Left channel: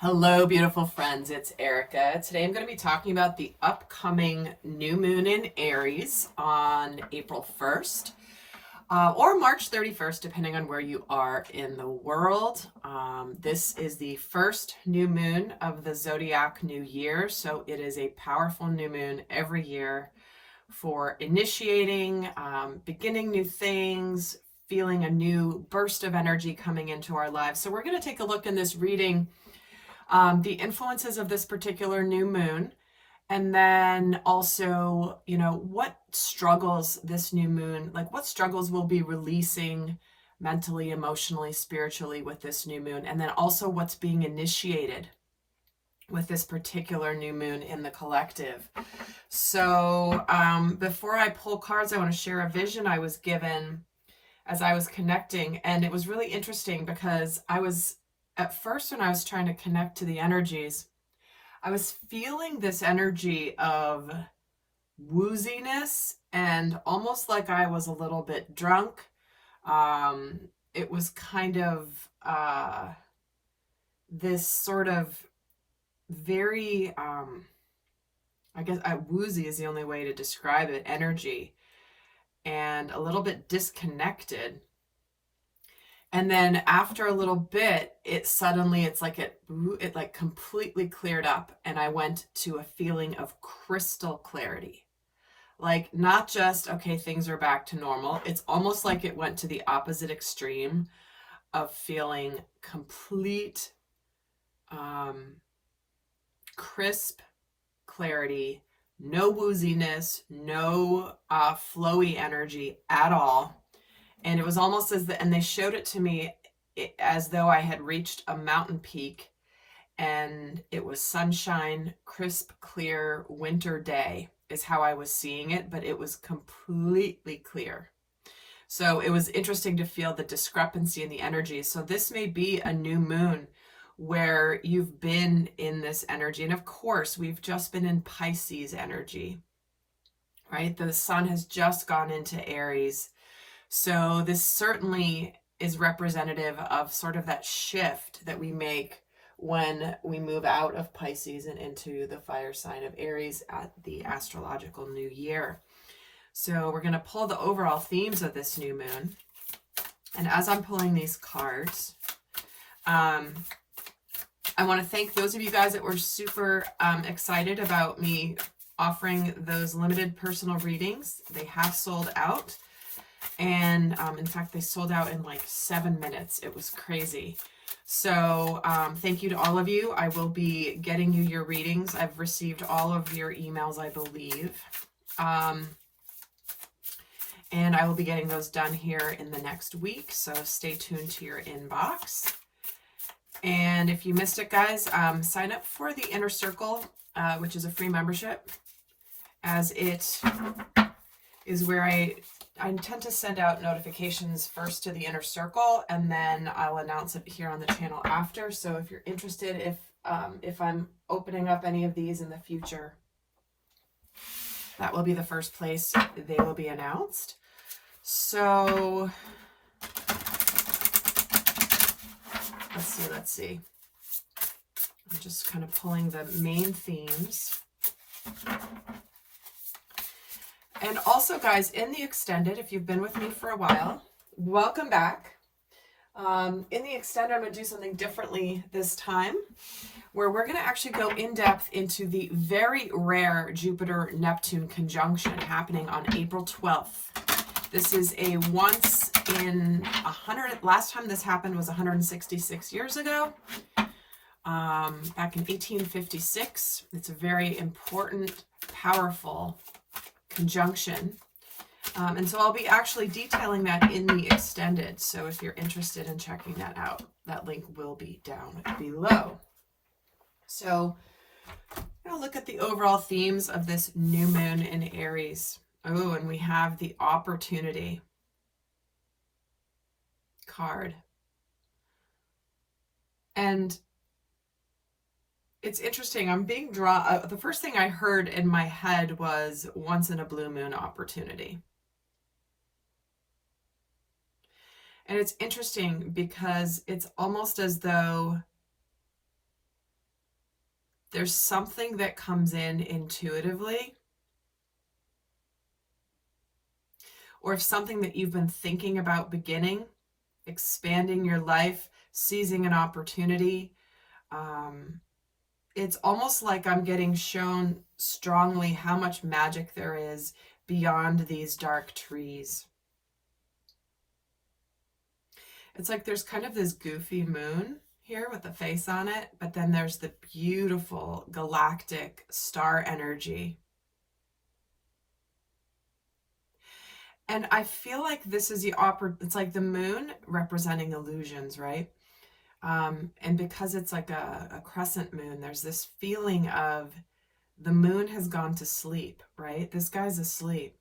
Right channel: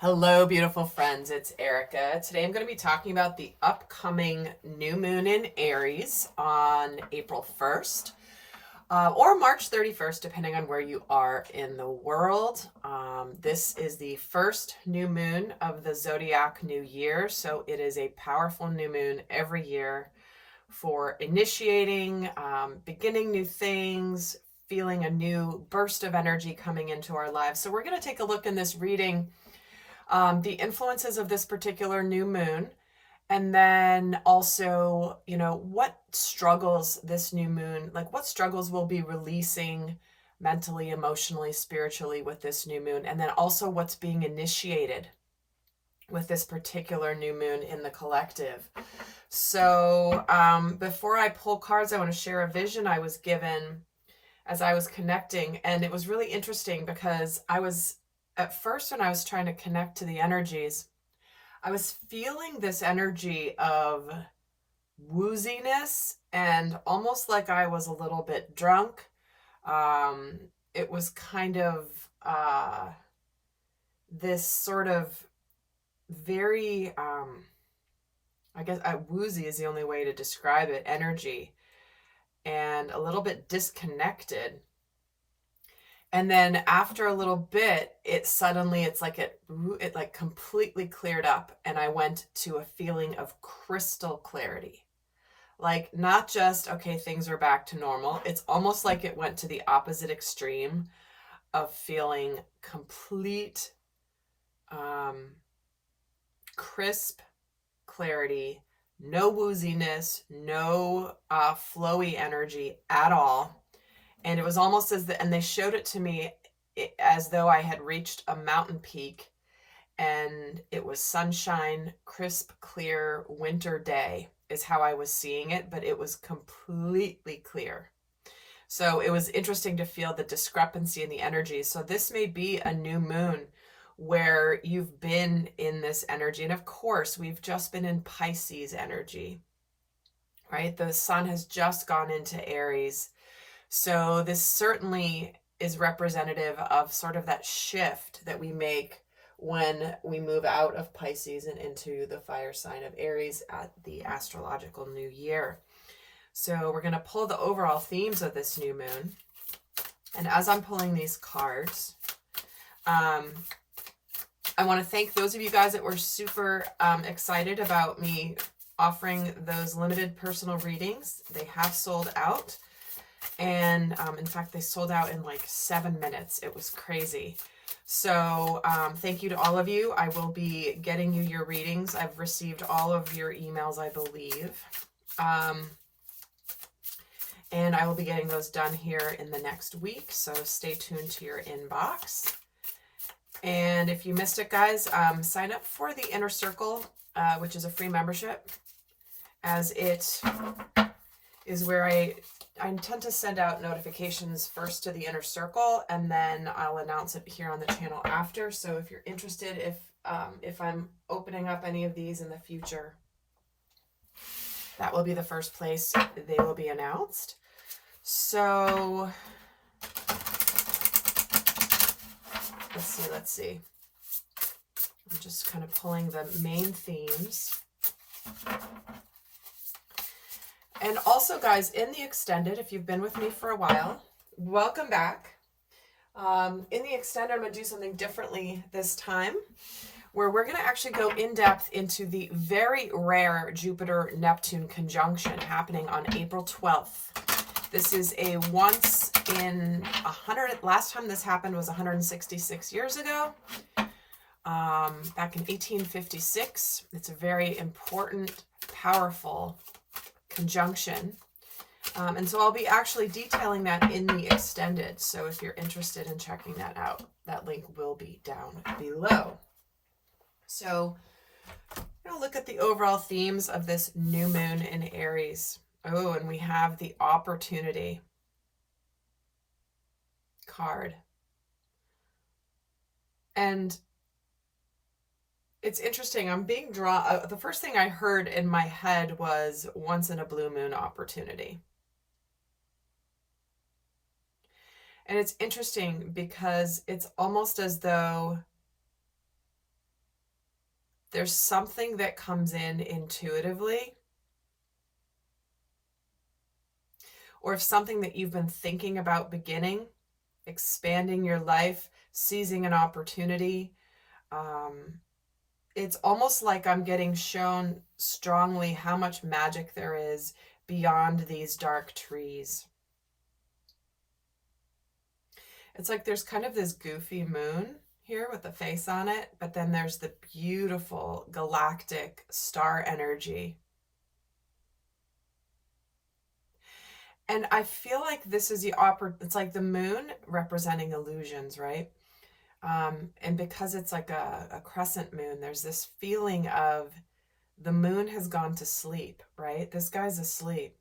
Hello, beautiful friends. It's Erica. Today I'm going to be talking about the upcoming new moon in Aries on April 1st or March 31st, depending on where you are in the world. This is the first new moon of the zodiac new year, so it is a powerful new moon every year for initiating, beginning new things, feeling a new burst of energy coming into our lives. So we're going to take a look in this reading the influences of this particular new moon, and then also, what struggles this new moon, like what struggles will be releasing mentally, emotionally, spiritually with this new moon, and then also what's being initiated with this particular new moon in the collective. So before I pull cards, I want to share a vision I was given as I was connecting, and it was really interesting because at first, when I was trying to connect to the energies, I was feeling this energy of wooziness and almost like I was a little bit drunk. It was kind of this sort of very, I guess woozy is the only way to describe it, energy, and a little bit disconnected. And then after a little bit, it's like it like completely cleared up, and I went to a feeling of crystal clarity. Like, not just, okay, things are back to normal. It's almost like it went to the opposite extreme of feeling complete crisp clarity, no wooziness, no flowy energy at all. And it was almost and they showed it to me as though I had reached a mountain peak, and it was sunshine, crisp, clear winter day is how I was seeing it, but it was completely clear. So it was interesting to feel the discrepancy in the energy. So this may be a new moon where you've been in this energy. And of course, we've just been in Pisces energy, right? The sun has just gone into Aries. So this certainly is representative of sort of that shift that we make when we move out of Pisces and into the fire sign of Aries at the astrological new year. So we're going to pull the overall themes of this new moon. And as I'm pulling these cards, I want to thank those of you guys that were super excited about me offering those limited personal readings. They have sold out. And in fact, they sold out in like 7 minutes. It was crazy. So thank you to all of you. I will be getting you your readings. I've received all of your emails, I believe. And I will be getting those done here in the next week. So stay tuned to your inbox. And if you missed it, guys, sign up for the Inner Circle, which is a free membership, as it is where I intend to send out notifications first to the Inner Circle, and then I'll announce it here on the channel after. So if you're interested, if I'm opening up any of these in the future, that will be the first place they will be announced. So let's see. I'm just kind of pulling the main themes. And also, guys, in the extended, if you've been with me for a while, welcome back. In the extended, I'm going to do something differently this time, where we're going to actually go in depth into the very rare Jupiter-Neptune conjunction happening on April 12th. This is a once in 100, last time this happened was 166 years ago, back in 1856. It's a very important, powerful conjunction. And so I'll be actually detailing that in the extended. So if you're interested in checking that out, that link will be down below. So I'm going to look at the overall themes of this new moon in Aries. Oh, and we have the opportunity card. And it's interesting. I'm being drawn. The first thing I heard in my head was once in a blue moon opportunity. And it's interesting because it's almost as though there's something that comes in intuitively, or if something that you've been thinking about beginning, expanding your life, seizing an opportunity. It's almost like I'm getting shown strongly how much magic there is beyond these dark trees. It's like there's kind of this goofy moon here with the face on it, but then there's the beautiful galactic star energy. And I feel like this is it's like the moon representing illusions, right? And because it's like a crescent moon, there's this feeling of the moon has gone to sleep, right? This guy's asleep.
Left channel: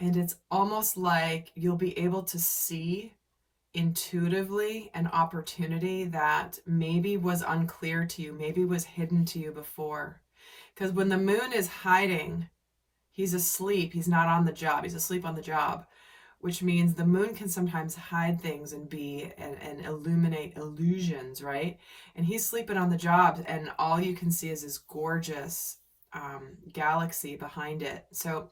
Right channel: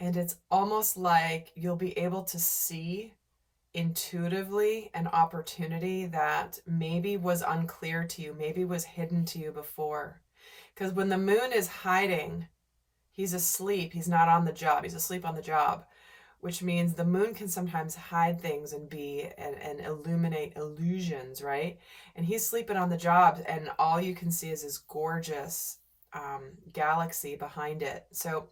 And it's almost like you'll be able to see intuitively an opportunity that maybe was unclear to you, maybe was hidden to you before. Because when the moon is hiding, he's asleep. He's not on the job. He's asleep on the job, which means the moon can sometimes hide things and be and illuminate illusions, right? And he's sleeping on the job, and all you can see is this gorgeous galaxy behind it. So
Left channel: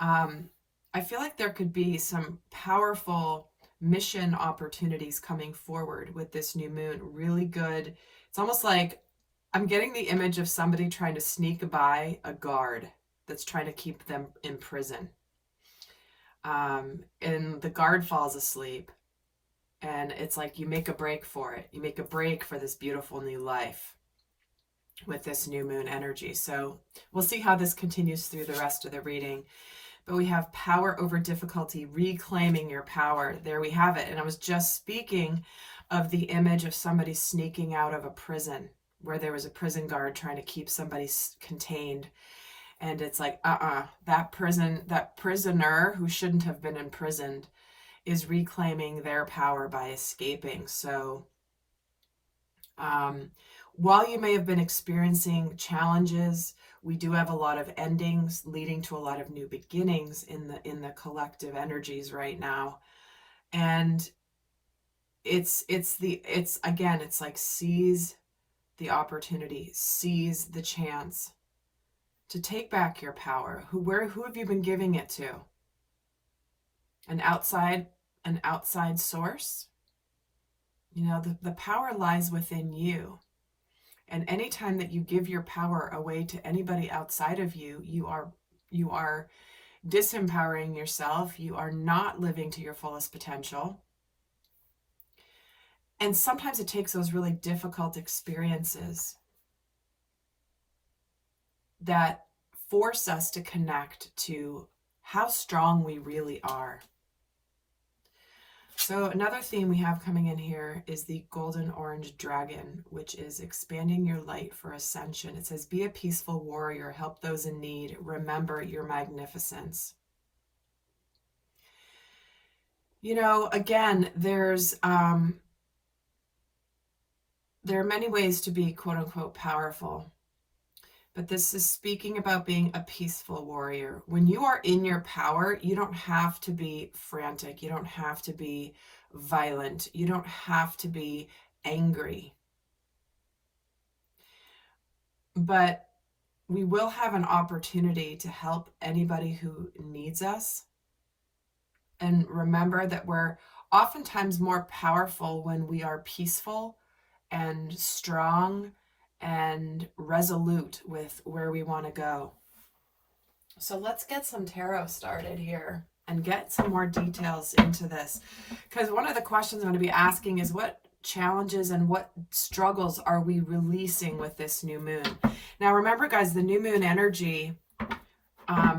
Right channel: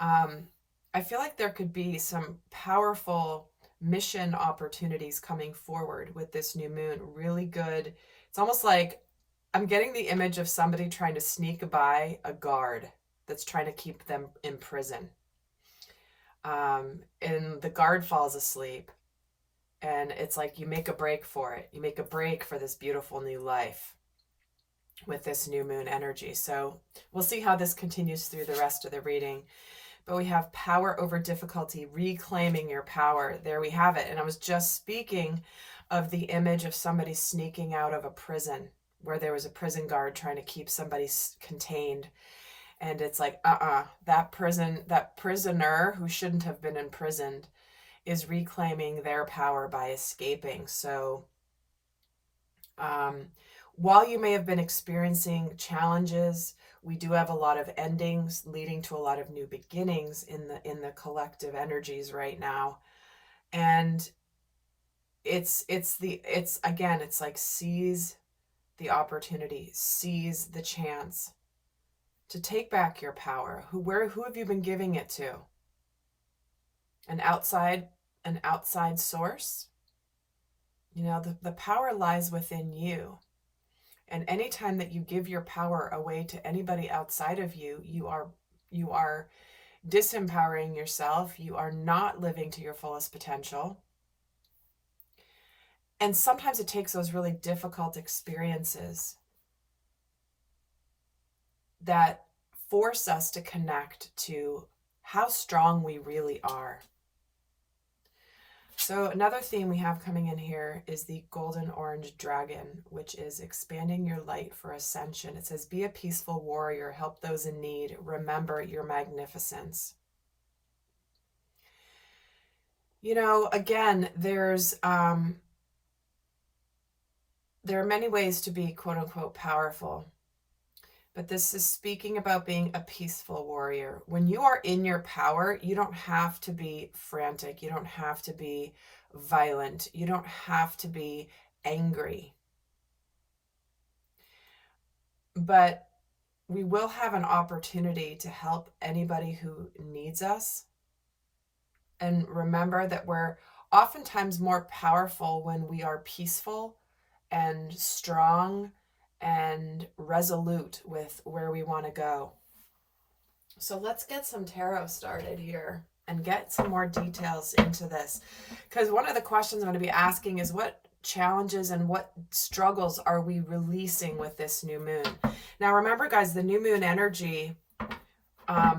I feel like there could be some powerful mission opportunities coming forward with this new moon. Really good. It's almost like I'm getting the image of somebody trying to sneak by a guard that's trying to keep them in prison. And the guard falls asleep, and it's like you make a break for it. You make a break for this beautiful new life with this new moon energy. So we'll see how this continues through the rest of the reading. But we have power over difficulty, reclaiming your power. There we have it. And I was just speaking of the image of somebody sneaking out of a prison where there was a prison guard trying to keep somebody contained. And it's like, that prisoner who shouldn't have been imprisoned is reclaiming their power by escaping. So while you may have been experiencing challenges, we do have a lot of endings leading to a lot of new beginnings in the collective energies right now. And it's like seize the opportunity, seize the chance to take back your power. Who have you been giving it to? An outside source? You know, the power lies within you. And anytime that you give your power away to anybody outside of you, you are disempowering yourself. You are not living to your fullest potential. And sometimes it takes those really difficult experiences that force us to connect to how strong we really are. So another theme we have coming in here is the golden orange dragon, which is expanding your light for ascension. It says, be a peaceful warrior, help those in need, remember your magnificence. You know, again, there are many ways to be quote unquote powerful. But this is speaking about being a peaceful warrior. When you are in your power, you don't have to be frantic. You don't have to be violent. You don't have to be angry. But we will have an opportunity to help anybody who needs us. And remember that we're oftentimes more powerful when we are peaceful and strong and resolute with where we want to go. So let's get some tarot started here and get some more details into this. Because one of the questions I'm going to be asking is, what challenges and what struggles are we releasing with this new moon? Now remember, guys, the new moon energy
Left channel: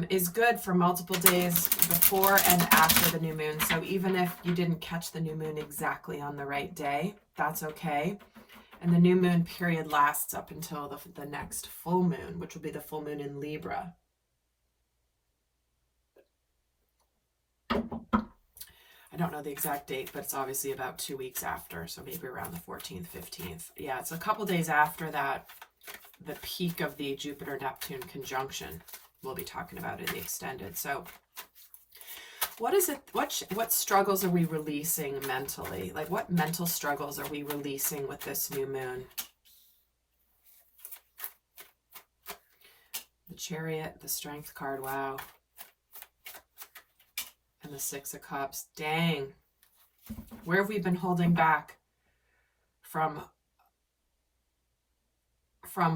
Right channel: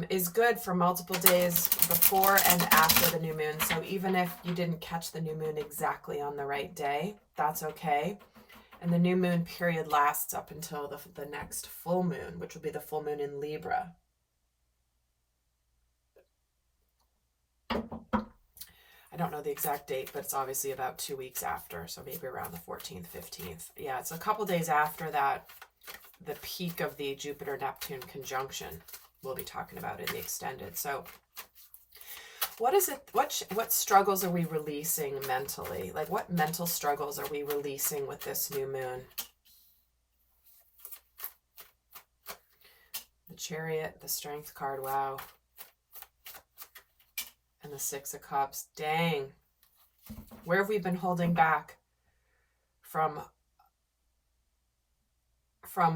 is good for multiple days before and after the new moon. So even if you didn't catch the new moon exactly on the right day, that's okay. And the new moon period lasts up until the next full moon, which will be the full moon in Libra. I don't know the exact date, but it's obviously about 2 weeks after. So maybe around the 14th, 15th. Yeah, it's a couple days after that, the peak of the Jupiter-Neptune conjunction we'll be talking about in the extended. So what is it? What struggles are we releasing mentally? Like, what mental struggles are we releasing with this new moon? The Chariot, the Strength card, wow. And the Six of Cups, dang. Where have we been holding back from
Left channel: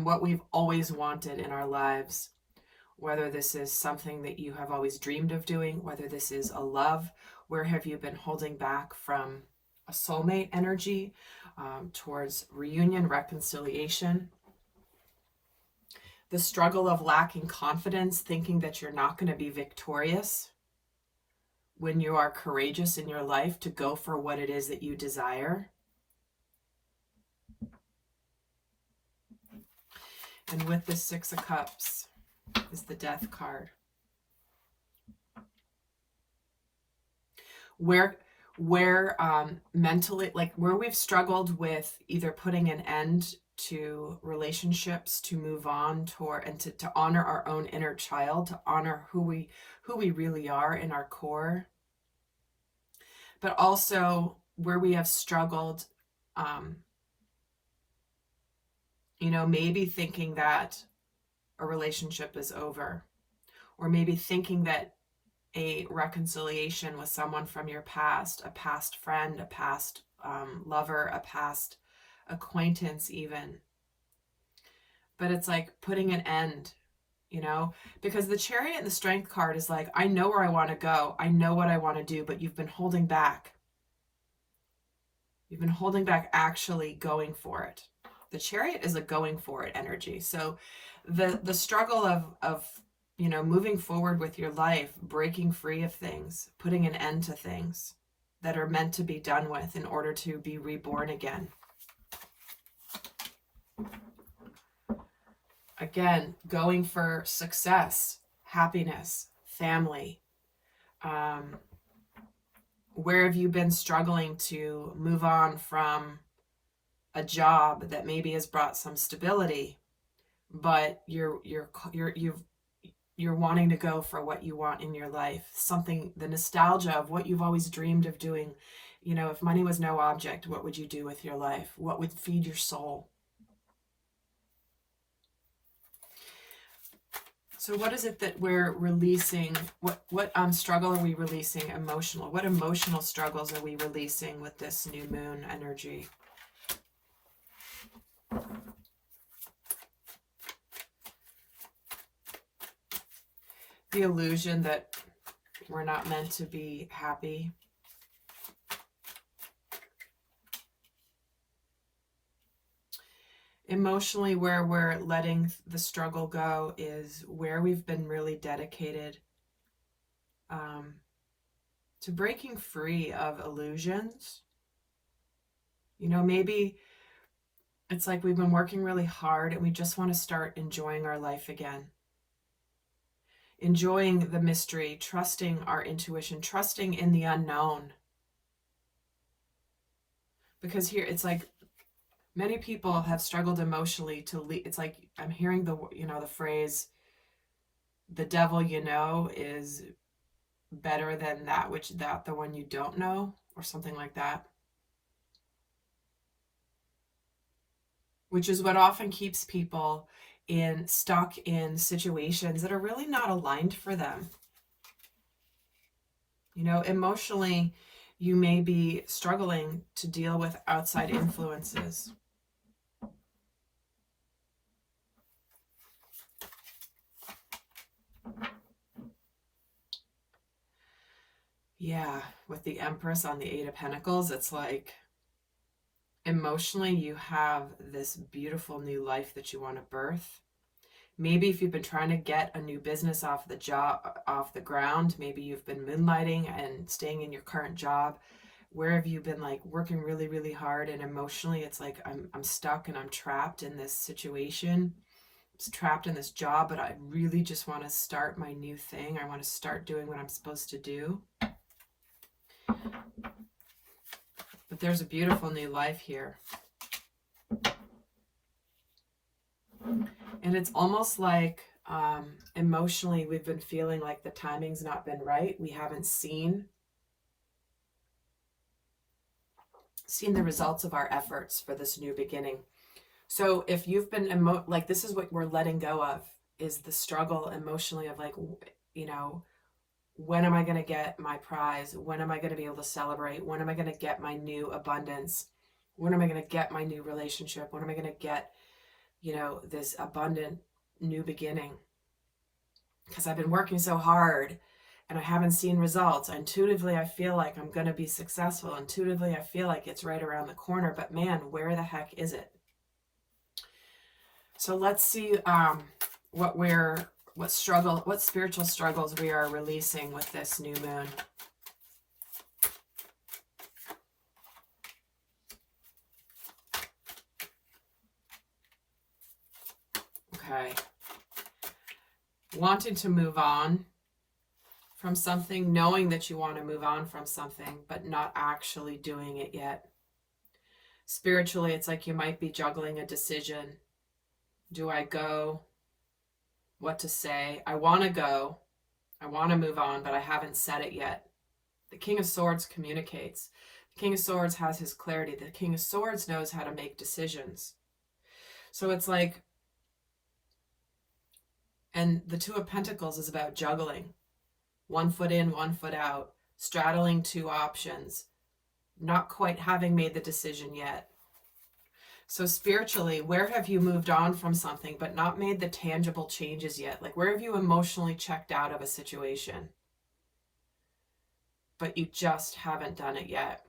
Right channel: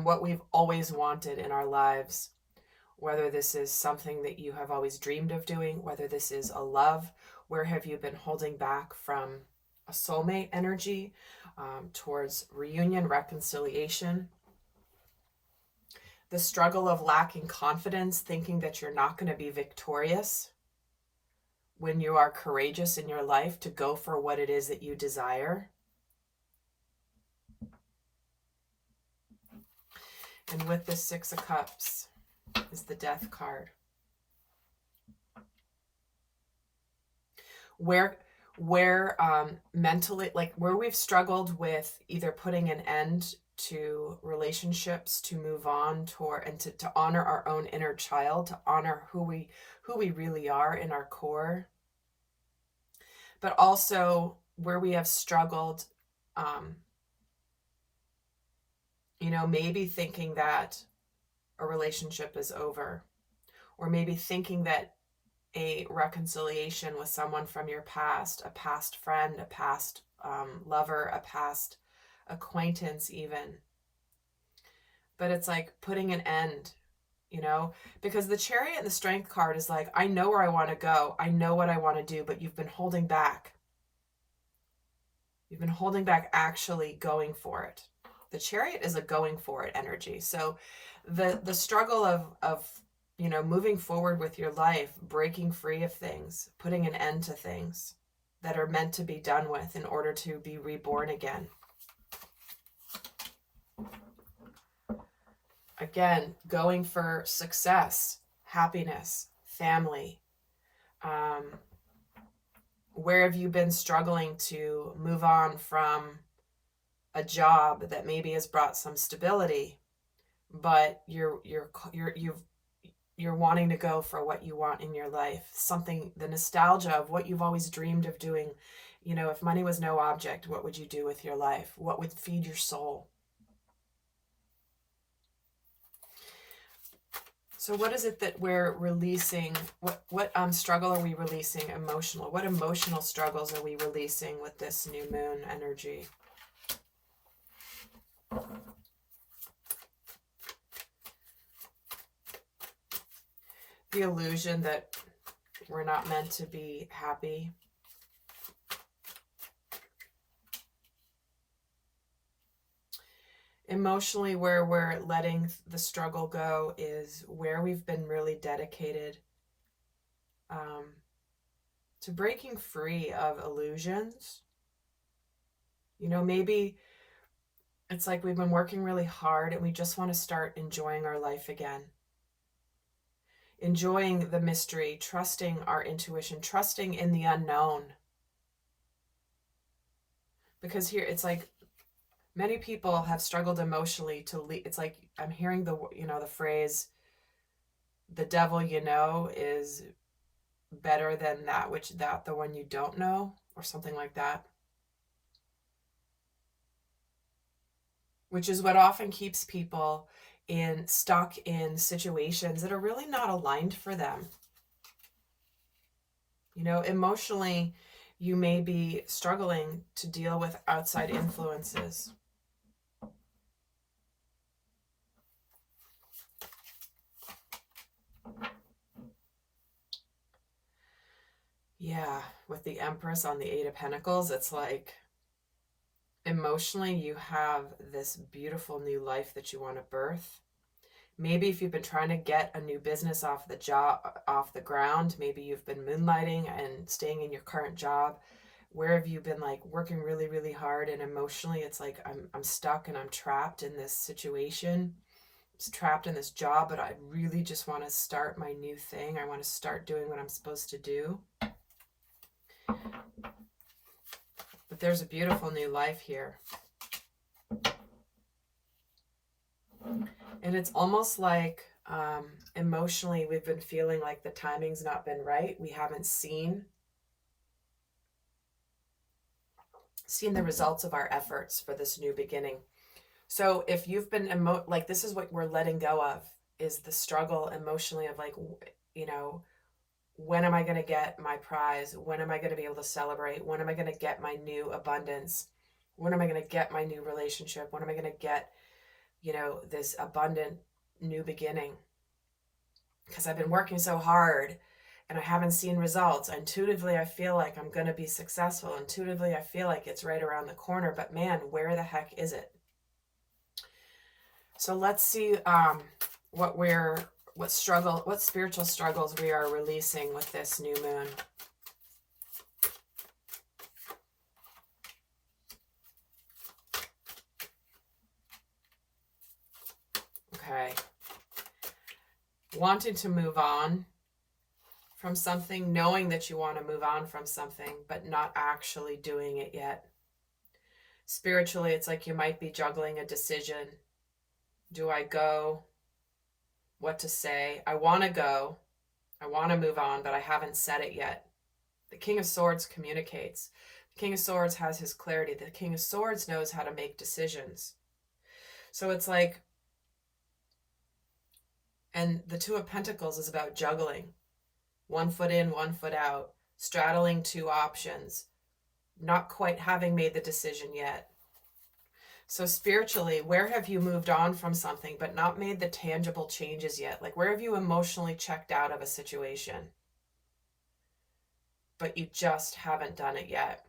what we've always wanted in our lives? Whether this is something that you have always dreamed of doing, whether this is a love, where have you been holding back from a soulmate energy towards reunion, reconciliation? The struggle of lacking confidence, thinking that you're not going to be victorious when you are courageous in your life to go for what it is that you desire. And with the Six of Cups is the Death card. Where mentally, like where we've struggled with either putting an end to relationships, to move on toward, and to honor our own inner child, to honor who we really are in our core, but also where we have struggled, maybe thinking that a relationship is over, or maybe thinking that a reconciliation with someone from your past, a past friend, a past lover, a past acquaintance even. But it's like putting an end, because the Chariot and the Strength card is like, I know where I want to go. I know what I want to do, but you've been holding back. You've been holding back actually going for it. The Chariot is a going for it energy. So the struggle of moving forward with your life, breaking free of things, putting an end to things that are meant to be done with in order to be reborn again. Again, going for success, happiness, family. Where have you been struggling to move on from a job that maybe has brought some stability, but you're wanting to go for what you want in your life, something, the nostalgia of what you've always dreamed of doing. If money was no object, what would you do with your life? What would feed your soul? So what is it that we're releasing? What struggle are we releasing emotional? What emotional struggles are we releasing with this new moon energy? The illusion that we're not meant to be happy. Emotionally, where we're letting the struggle go is where we've been really dedicated to breaking free of illusions. Maybe it's like we've been working really hard and we just want to start enjoying our life again. Enjoying the mystery, trusting our intuition, trusting in the unknown. Because here it's like many people have struggled emotionally to leave. It's like I'm hearing the phrase, the devil is better than the one you don't know, or something like that. Which is what often keeps people stuck in situations that are really not aligned for them. Emotionally, you may be struggling to deal with outside influences. Yeah, with the Empress on the Eight of Pentacles, it's like emotionally you have this beautiful new life that you want to birth. Maybe if you've been trying to get a new business off the ground, maybe you've been moonlighting and staying in your current job. Where have you been like working really, really hard, and emotionally it's like I'm stuck and I'm trapped in this situation. I'm trapped in this job, but I really just want to start my new thing. I want to start doing what I'm supposed to do. But there's a beautiful new life here. And it's almost like emotionally we've been feeling like the timing's not been right. We haven't seen the results of our efforts for this new beginning. So if you've been like, this is what we're letting go of. is the struggle emotionally of like, you know, when am I going to get my prize? When am I going to be able to celebrate? When am I going to get my new abundance? When am I going to get my new relationship? When am I going to get, you know, this abundant new beginning? Because I've been working so hard and I haven't seen results. Intuitively, I feel like I'm going to be successful. Intuitively, I feel like it's right around the corner. But man, where the heck is it? So let's see what spiritual struggles we are releasing with this new moon. Okay. Wanting to move on from something, knowing that you want to move on from something, but not actually doing it yet. Spiritually, it's like you might be juggling a decision. Do I go? What to say? I want to go. I want to move on, but I haven't said it yet. The King of Swords communicates. The King of Swords has his clarity. The King of Swords knows how to make decisions. So it's like, and the Two of Pentacles is about juggling. 1 foot in, 1 foot out, straddling two options, not quite having made the decision yet. So spiritually, where have you moved on from something but not made the tangible changes yet? Like, where have you emotionally checked out of a situation, but you just haven't done it yet?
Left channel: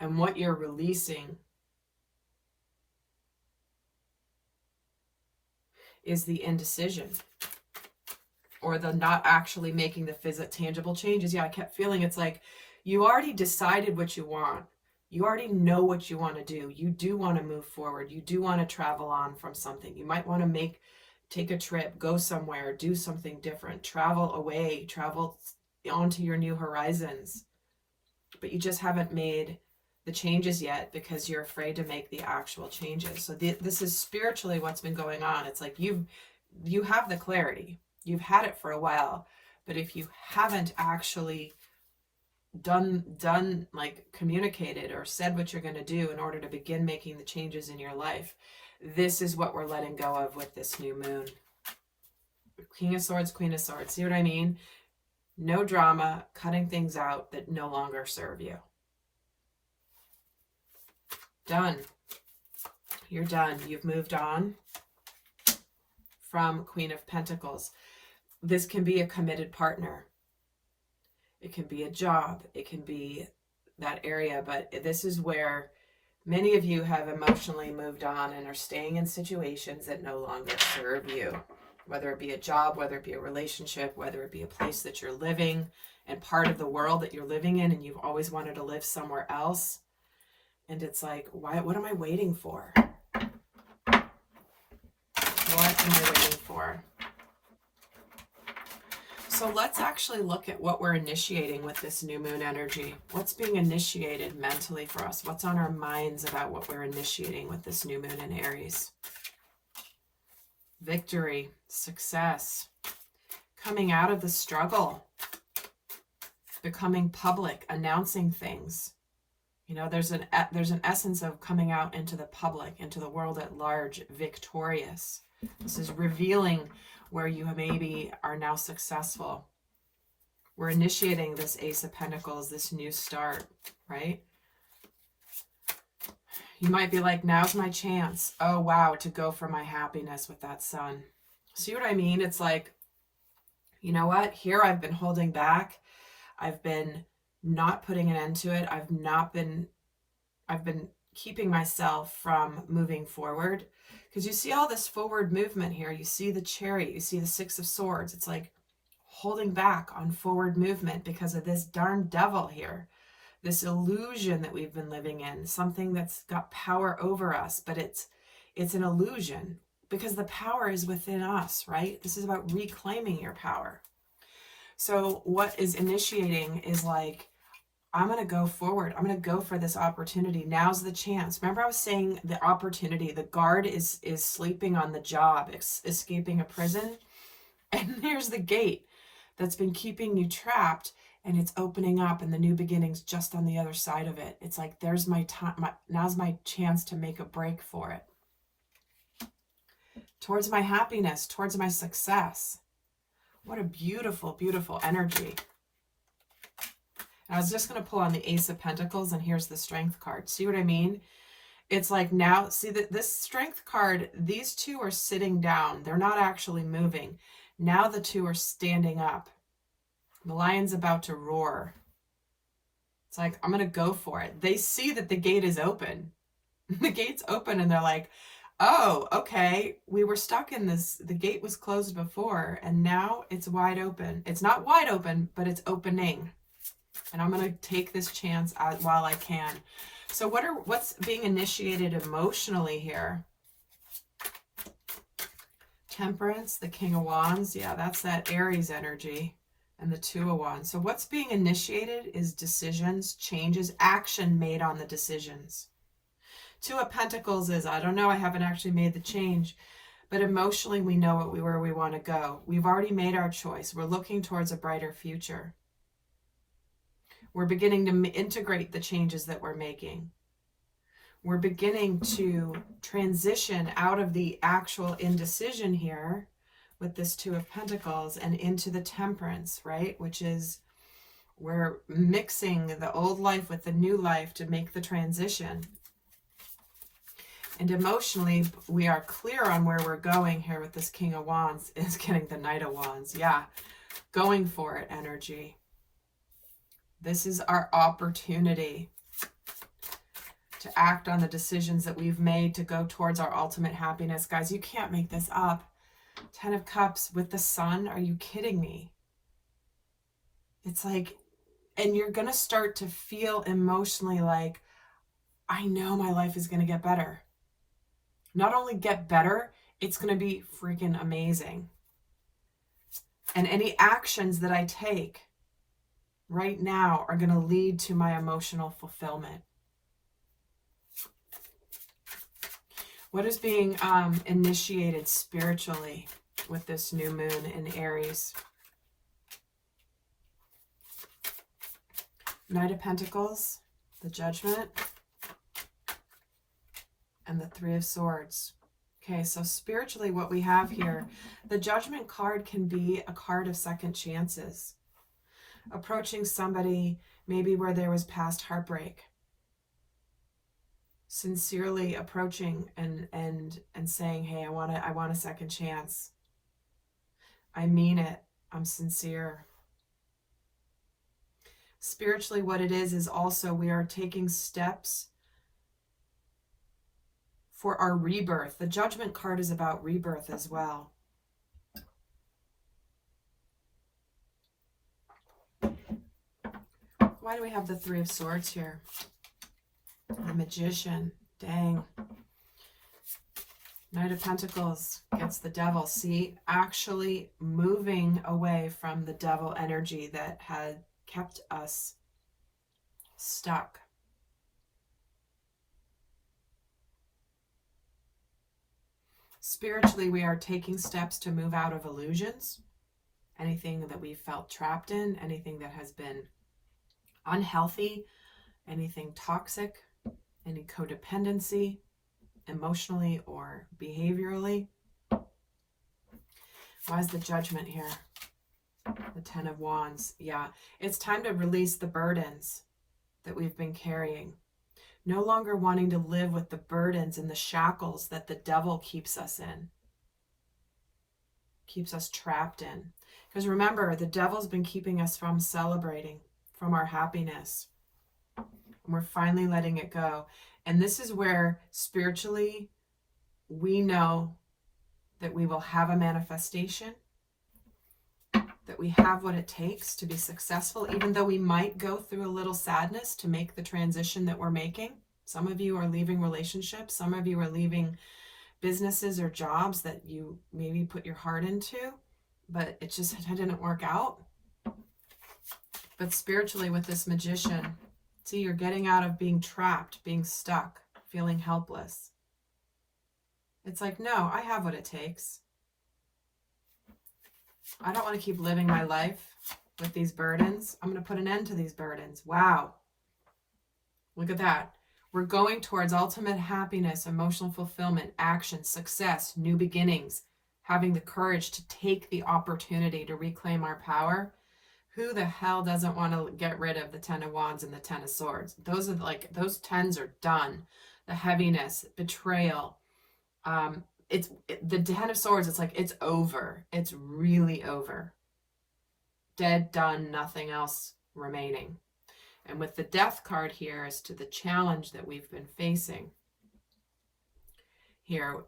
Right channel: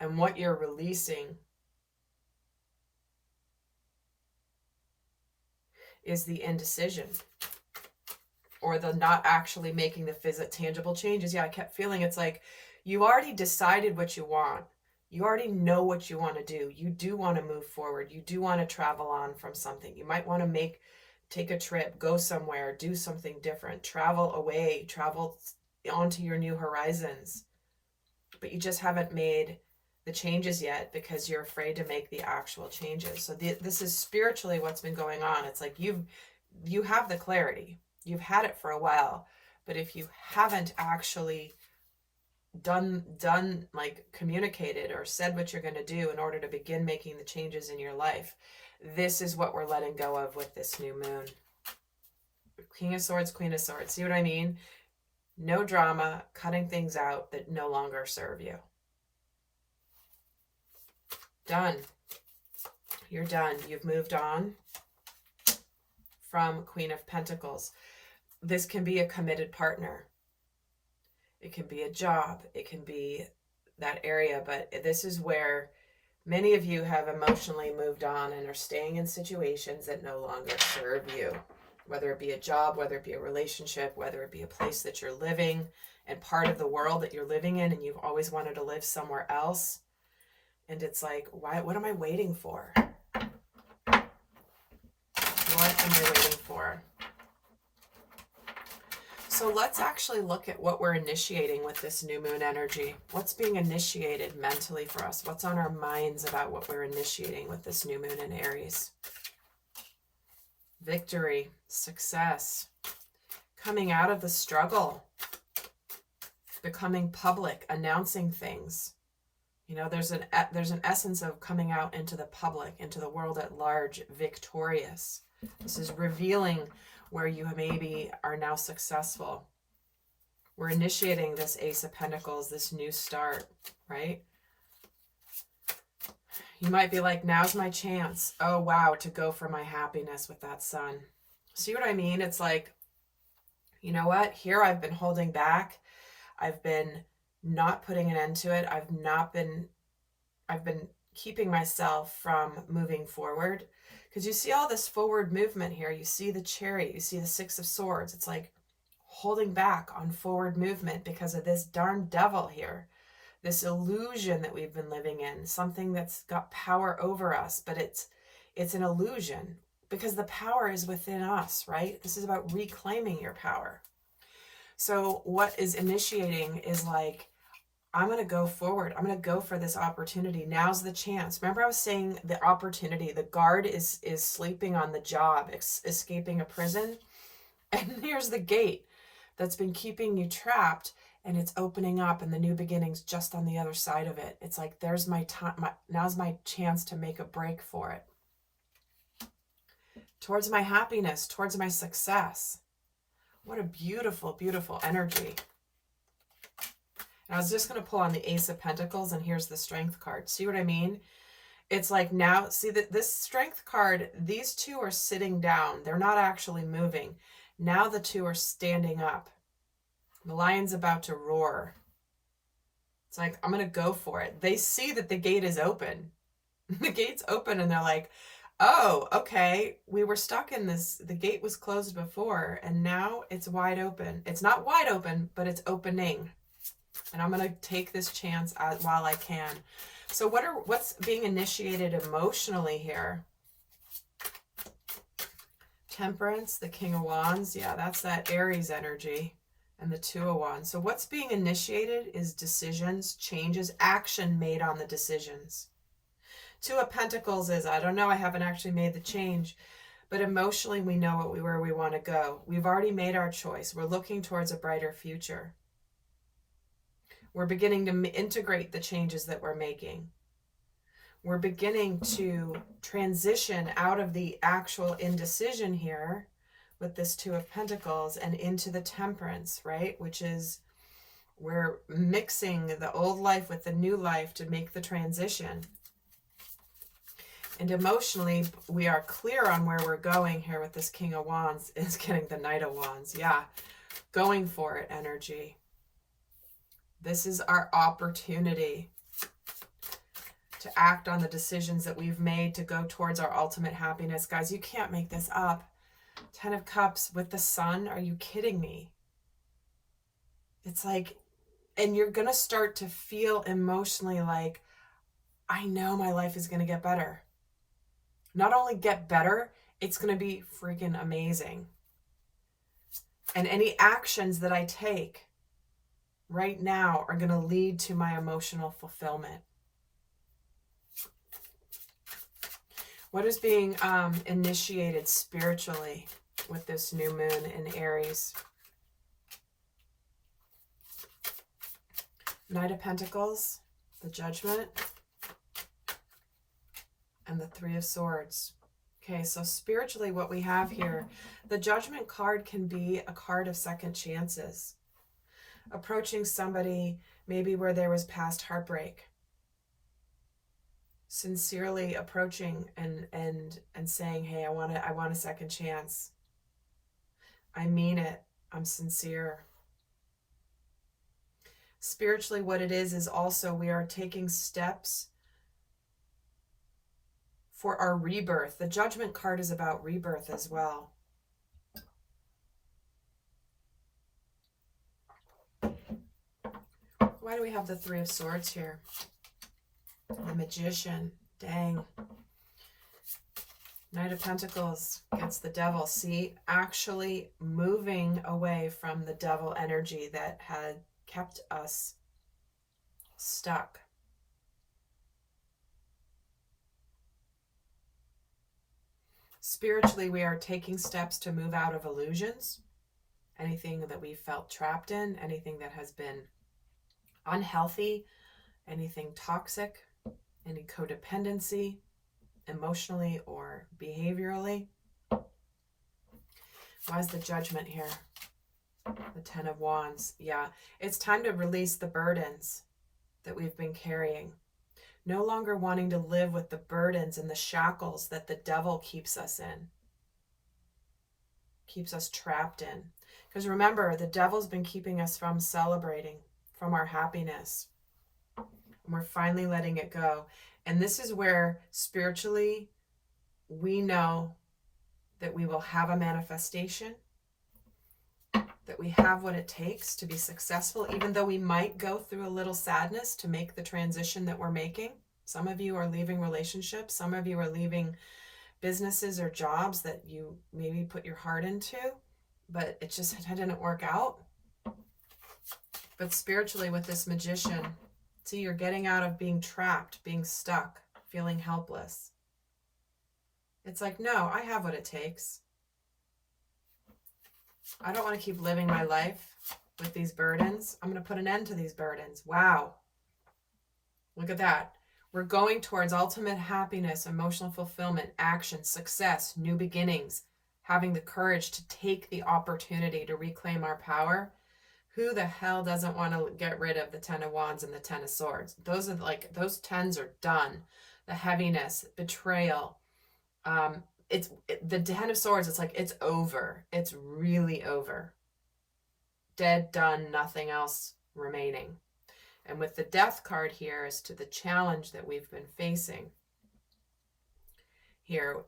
And what you're releasing is the indecision, or the not actually making the tangible changes. Yeah, I kept feeling it's like you already decided what you want. You already know what you want to do. You do want to move forward. You do want to travel on from something. You might want to take a trip, go somewhere, do something different, travel away, travel onto your new horizons. But you just haven't made the changes yet because you're afraid to make the actual changes. So this is spiritually what's been going on. It's like you have the clarity. You've had it for a while, but if you haven't actually done like communicated or said what you're going to do in order to begin making the changes in your life, this is what we're letting go of with this new moon. King of Swords, Queen of Swords. See what I mean? No drama, cutting things out that no longer serve you. Done. You're done. You've moved on from Queen of Pentacles. This can be a committed partner. It can be a job. It can be that area. But this is where many of you have emotionally moved on and are staying in situations that no longer serve you. Whether it be a job, whether it be a relationship, whether it be a place that you're living and part of the world that you're living in, and you've always wanted to live somewhere else. And it's like, what am I waiting for? What am I waiting for? So let's actually look at what we're initiating with this new moon energy. What's being initiated mentally for us? What's on our minds about what we're initiating with this new moon in Aries? Victory, success, coming out of the struggle, becoming public, announcing things. You know, there's an essence of coming out into the public, into the world at large, victorious. This is revealing where you maybe are now successful. We're initiating this Ace of Pentacles, this new start, right? You might be like, now's my chance. Oh, wow, to go for my happiness with that Sun. See what I mean? It's like, you know what? Here I've been holding back. I've been not putting an end to it. I've been keeping myself from moving forward. Because you see all this forward movement here. You see the Chariot. You see the Six of Swords. It's like holding back on forward movement because of this darn devil here. This illusion that we've been living in. Something that's got power over us. But it's an illusion because the power is within us, right? This is about reclaiming your power. So what is initiating is like, I'm going to go forward. I'm going to go for this opportunity. Now's the chance. Remember I was saying the opportunity, the guard is sleeping on the job, escaping a prison. And here's the gate that's been keeping you trapped, and it's opening up, and the new beginning's just on the other side of it. It's like, there's my time. Now's my chance to make a break for it. towards my happiness, towards my success. What a beautiful, beautiful energy. And I was just going to pull on the Ace of Pentacles, and here's the Strength card. See what I mean? It's like now, see that this Strength card, these two are sitting down. They're not actually moving. Now the two are standing up. The lion's about to roar. It's like, I'm going to go for it. They see that the gate is open. The gate's open and they're like, oh, okay, we were stuck in this. The gate was closed before and now it's wide open. It's not wide open, but it's opening. And I'm going to take this chance while I can. So what's being initiated emotionally here? Temperance, the King of Wands. Yeah, that's that Aries energy. And the Two of Wands. So what's being initiated is decisions, changes, action made on the decisions. Two of Pentacles is, I don't know, I haven't actually made the change. But emotionally, we know where we want to go. We've already made our choice. We're looking towards a brighter future. We're beginning to integrate the changes that we're making. We're beginning to transition out of the actual indecision here with this Two of Pentacles and into the Temperance, right? Which is we're mixing the old life with the new life to make the transition. And emotionally, we are clear on where we're going here with this King of Wands is getting the Knight of Wands. Yeah, going for it energy. This is our opportunity to act on the decisions that we've made to go towards our ultimate happiness. Guys, you can't make this up. 10 of Cups with the Sun. Are you kidding me? It's like, and you're going to start to feel emotionally like, I know my life is going to get better. Not only get better, it's going to be freaking amazing. And any actions that I take right now are going to lead to my emotional fulfillment. What is being initiated spiritually with this new moon in Aries? Knight of Pentacles, the Judgment, and the Three of Swords. Okay, so spiritually what we have here, the Judgment card can be a card of second chances. Approaching somebody maybe where there was past heartbreak. Sincerely approaching and saying, hey, I want a second chance. I mean it. I'm sincere. Spiritually, what it is also we are taking steps for our rebirth. The Judgment card is about rebirth as well. Why do we have the Three of Swords here? The Magician. Dang. Knight of Pentacles gets the Devil. See, actually moving away from the Devil energy that had kept us stuck. Spiritually, we are taking steps to move out of illusions. Anything that we felt trapped in, anything that has been unhealthy, anything toxic, any codependency, emotionally or behaviorally. Why is the Judgment here? The Ten of Wands. Yeah, it's time to release the burdens that we've been carrying. No longer wanting to live with the burdens and the shackles that the devil keeps us in. Keeps us trapped in. Because remember, the devil's been keeping us from celebrating, from our happiness. And we're finally letting it go. And this is where spiritually we know that we will have a manifestation, that we have what it takes to be successful, even though we might go through a little sadness to make the transition that we're making. Some of you are leaving relationships. Some of you are leaving businesses or jobs that you maybe put your heart into, but it just didn't work out. But spiritually with this Magician, see, you're getting out of being trapped, being stuck, feeling helpless. It's like, no, I have what it takes. I don't want to keep living my life with these burdens. I'm going to put an end to these burdens. Wow. Look at that. We're going towards ultimate happiness, emotional fulfillment, action, success, new beginnings, having the courage to take the opportunity to reclaim our power. Who the hell doesn't want to get rid of the Ten of Wands and the Ten of Swords? Those are like, those tens are done. The heaviness, betrayal. The Ten of Swords, it's like, it's over. It's really over. Dead, done, nothing else remaining. And with the Death card here as to the challenge that we've been facing, here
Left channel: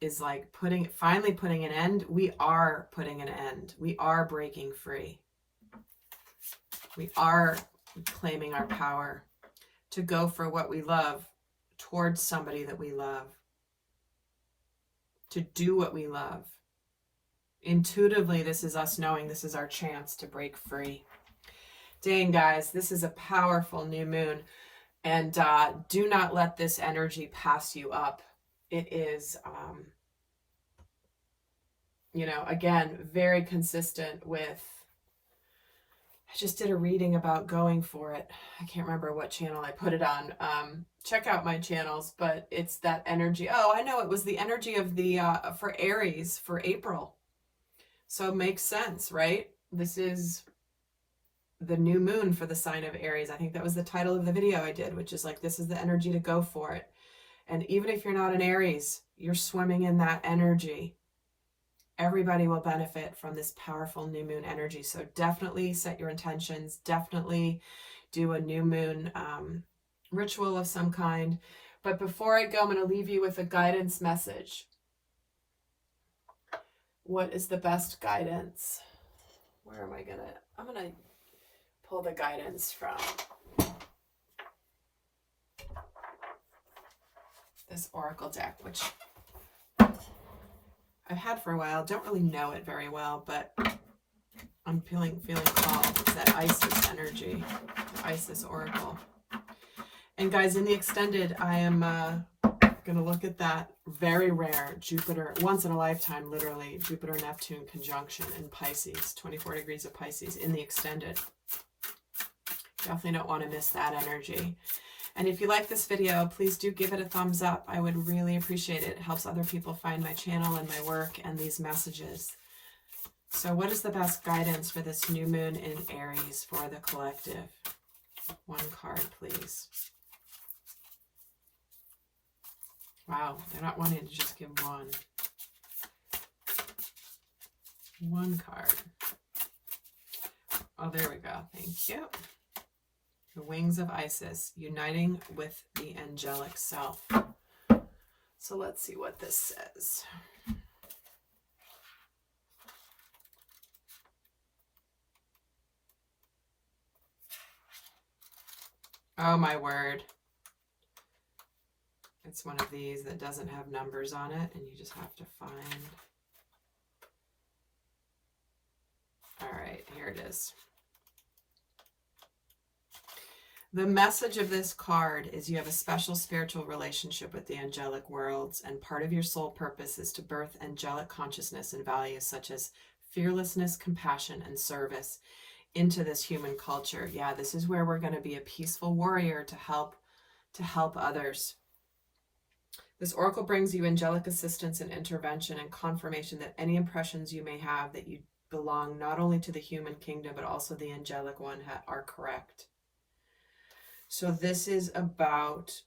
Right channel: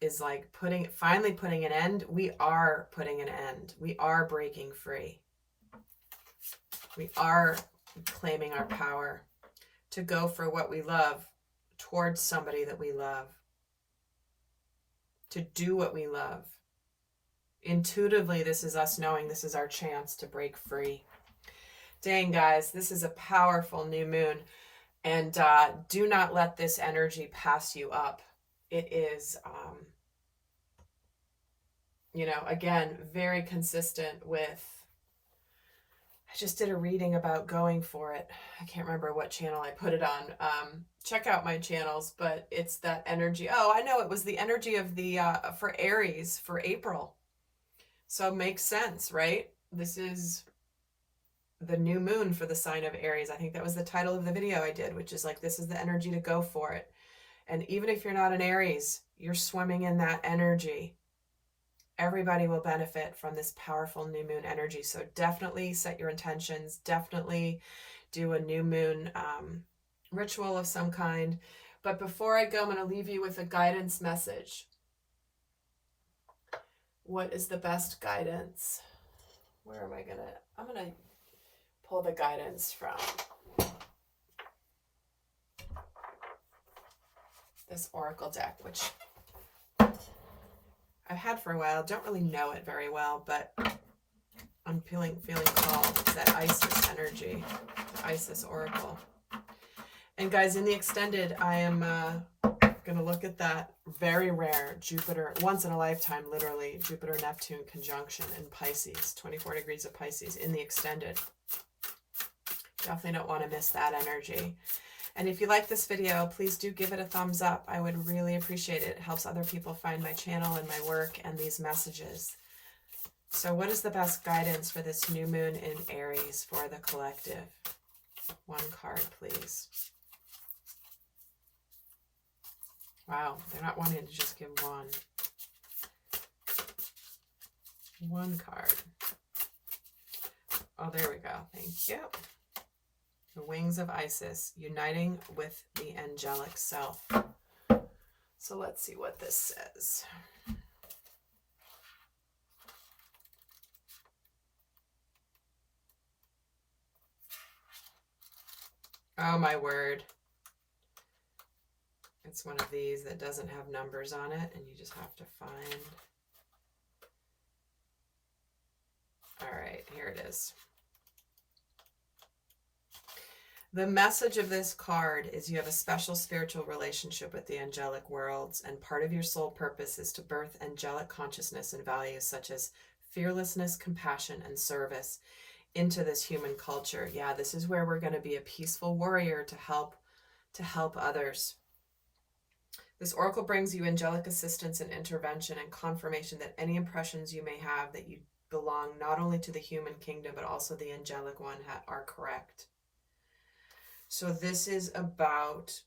is like finally putting an end. We are putting an end. We are breaking free. We are claiming our power to go for what we love, towards somebody that we love, to do what we love. Intuitively, this is us knowing this is our chance to break free. Dang, guys, this is a powerful new moon. And do not let this energy pass you up. It is, you know, again, very consistent with, I just did a reading about going for it. I can't remember what channel I put it on. Check out my channels, but it's that energy. Oh, I know, it was the energy of the, for Aries for April. So it makes sense, right? This is the new moon for the sign of Aries. I think that was the title of the video I did, which is like, this is the energy to go for it. And even if you're not an Aries, you're swimming in that energy. Everybody will benefit from this powerful new moon energy. So definitely set your intentions. Definitely do a new moon ritual of some kind. But before I go, I'm going to leave you with a guidance message. What is the best guidance? Where am I going to... I'm going to pull the guidance from this oracle deck, which I've had for a while. Don't really know it very well, but I'm feeling called. It's that Isis energy, the Isis oracle. And guys, in the extended, I am going to look at that very rare Jupiter, once in a lifetime, literally, Jupiter-Neptune conjunction in Pisces, 24 degrees of Pisces in the extended. Definitely don't want to miss that energy. And if you like this video, please do give it a thumbs up. I would really appreciate it. It helps other people find my channel and my work and these messages. So what is the best guidance for this new moon in Aries for the collective? One card, please. Wow, they're not wanting to just give one. One card. Oh, there we go. Thank you. The wings of Isis, uniting with the angelic self. So let's see what this says. Oh my word. It's one of these that doesn't have numbers on it, and you just have to find. All right, here it is. The message of this card is you have a special spiritual relationship with the angelic worlds, and part of your soul purpose is to birth angelic consciousness and values such as fearlessness, compassion, and service into this human culture. Yeah, this is where we're going to be a peaceful warrior to help others. This oracle brings you angelic assistance and intervention and confirmation that any impressions you may have that you belong not only to the human kingdom but also the angelic one are correct. So this is about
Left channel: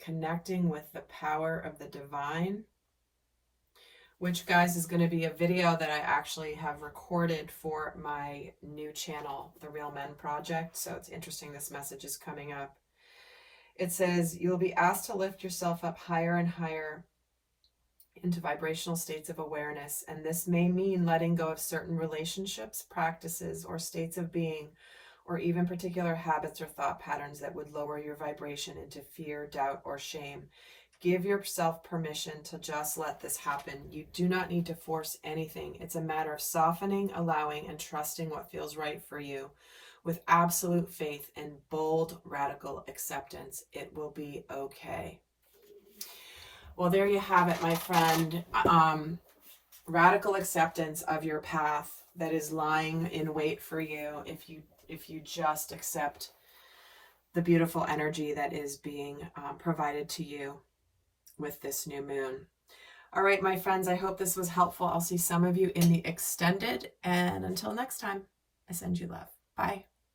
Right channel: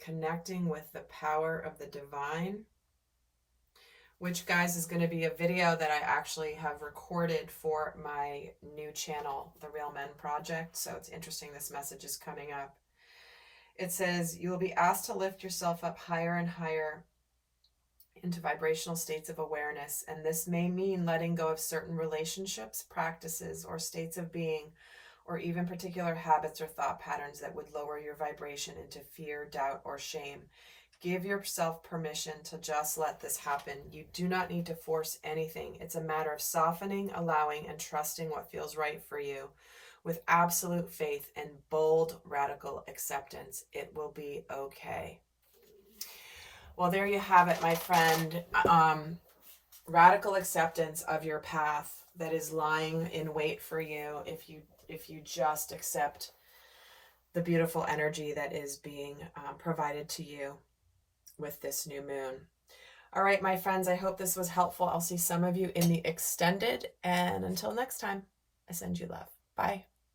connecting with the power of the divine, which, guys, is going to be a video that I actually have recorded for my new channel, The Real Men Project. So it's interesting this message is coming up. It says, you will be asked to lift yourself up higher and higher into vibrational states of awareness. And this may mean letting go of certain relationships, practices, or states of being, or even particular habits or thought patterns that would lower your vibration into fear, doubt, or shame. Give yourself permission to just let this happen. You do not need to force anything. It's a matter of softening, allowing, and trusting what feels right for you. With absolute faith and bold, radical acceptance, it will be okay. Well, there you have it, my friend. Radical acceptance of your path that is lying in wait for you if you just accept the beautiful energy that is being provided to you with this new moon. All right, my friends, I hope this was helpful. I'll see some of you in the extended, and until next time, I send you love. Bye.